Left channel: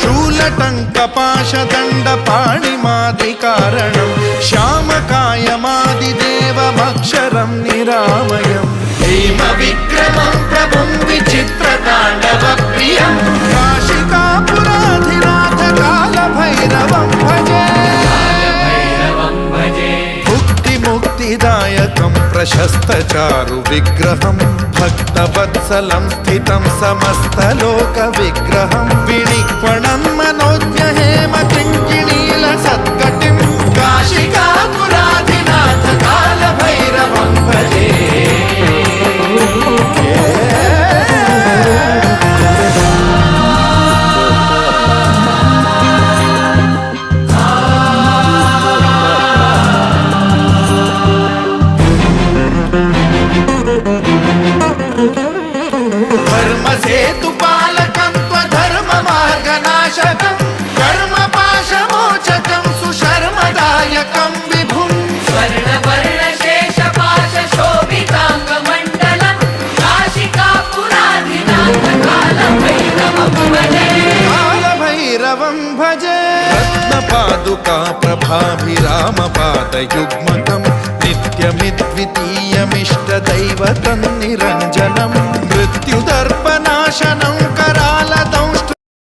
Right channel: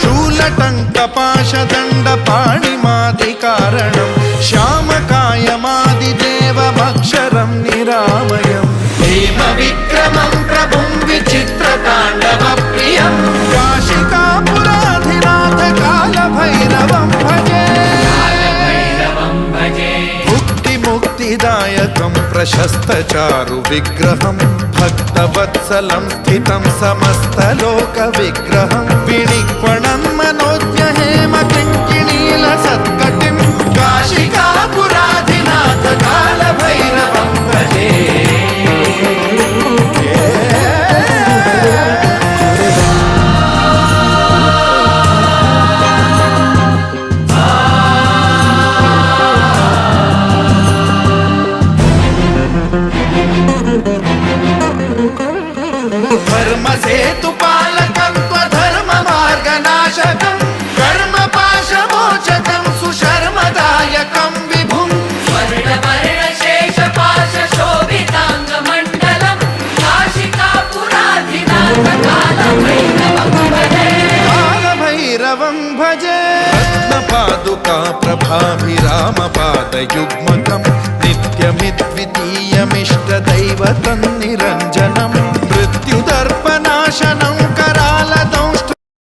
शूलटङ्कपाशदण्डपाणिमादिकारणं श्यामकायमादिदेवमक्षरं निरामयं हेमविक्रमं प्रभुं विचित्रताण्डवप्रियं काशिकापुराधिनाथ कालभैरवं भजे मुक्तिदायकं प्रशस्तचारु विग्रहं भक्तवत्सलं स्थितं समस्तलोकविग्रहं विनिक्वणं मनोज्ञहेम किङ्किणीलसत्कटिं काशिकापुराधिनाथ कालभैरवं भजे धर्मसेतुपालकं त्वधर्ममार्गनाशकं कर्मपाशमोचकं सुशर्मदायकं विभुं कालभैरवं भजे रत्नपादुका प्रभाभिरामपादयुग्मकं नित्यमिद्वितीयमिष्टदैवतं